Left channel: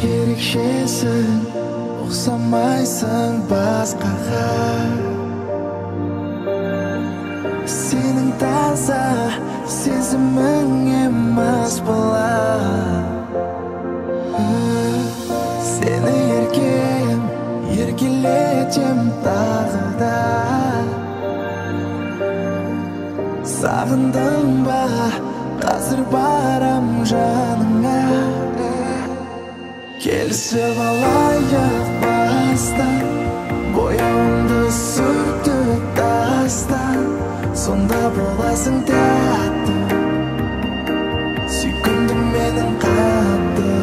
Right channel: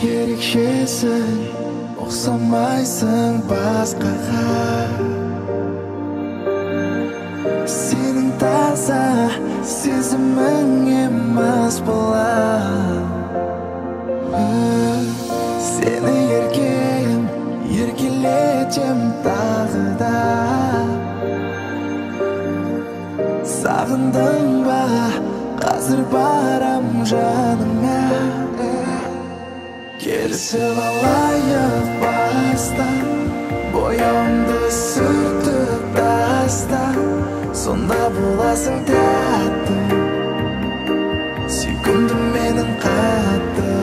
Ерекшесің, ұқсамайсың басқаға. Сенің таза сезімің емес болар. Сені еркем, еркелетем тағы да. Сағындың ба, қазір барам жаныңа. Келісіп алайық баста, бояуымды сүртіп таста, сонда боласың тәтті, сүйкімді менің қатты.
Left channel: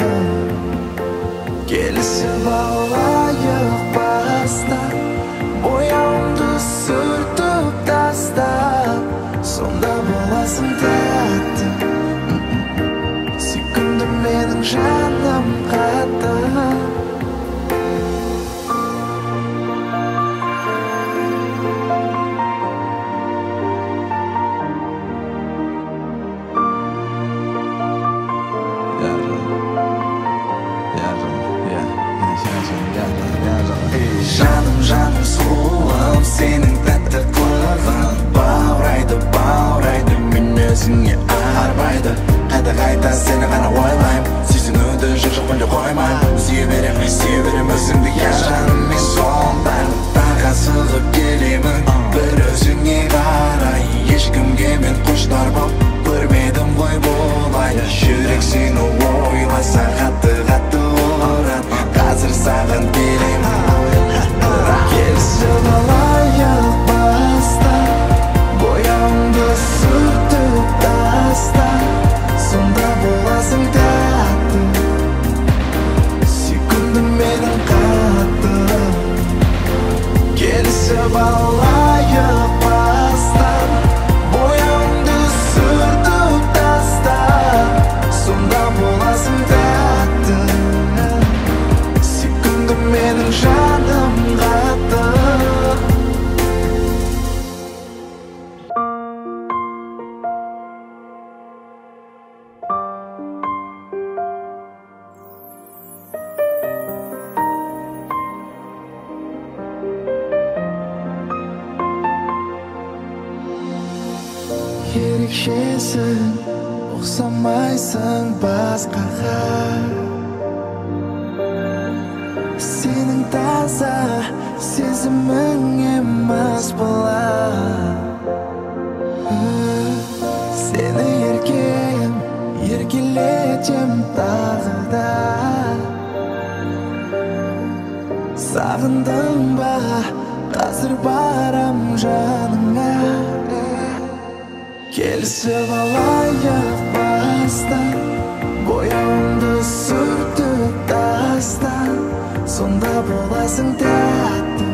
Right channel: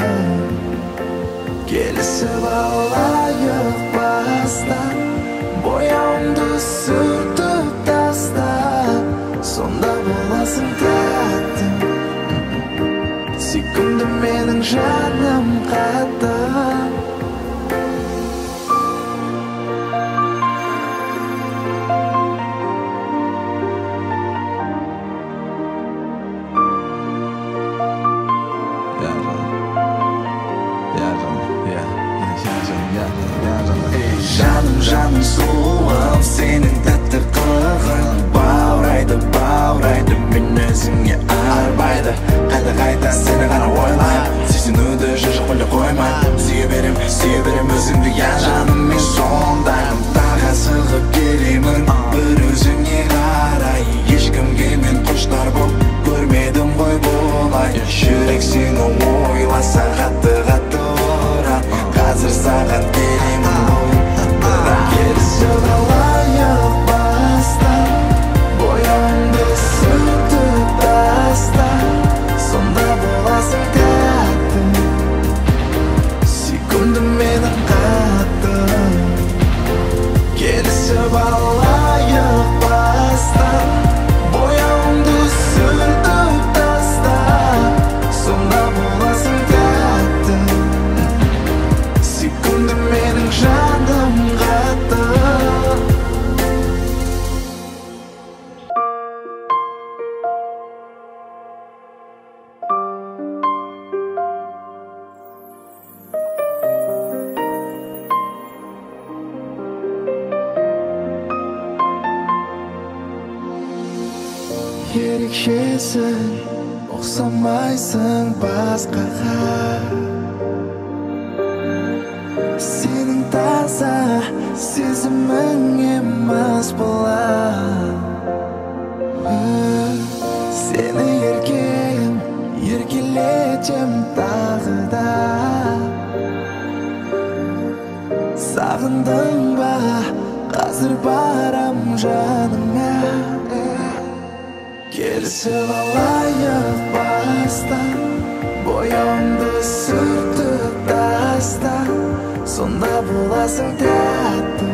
Келісіп алайық баста, бояуымды сүртіп таста, сонда боласың тәтті, сүйкімді менің жаным қатты. Жаным, жаным сұлуым, сенің тәтті қылығың баурайды мен өзіңе арбайды. Қайта сені ғана ойлайм, сүйсінуді жоқ мүлде қоймайм. Сүйе берем өзіңді, я жаным, мен сондаймын. Тағы асығып келемін бір өзіңе қарай. Ешкімге мен құштар боп көрмедім ғой болай. Жүрек сені ойласа қатты ұрат, қазір саған келемін ғой. Бірақ келісіп алайық баста, бояуымды сүртіп таста, сонда боласың тәтті, сүйкімді менің қатты. Келісіп алайық баста, бояуымды сүртіп таста, сонда боласың тәтті, сүйкімді менің жаным қатты. Ерекшесің, ұқсамайсың басқаға. Сенің таза сезімің емес болар. Сені еркем, еркелетем тағы да. Сағындың ба, қазір барам жаныңа. Келісіп алайық баста, бояуымды сүртіп таста, сонда боласың тәтті,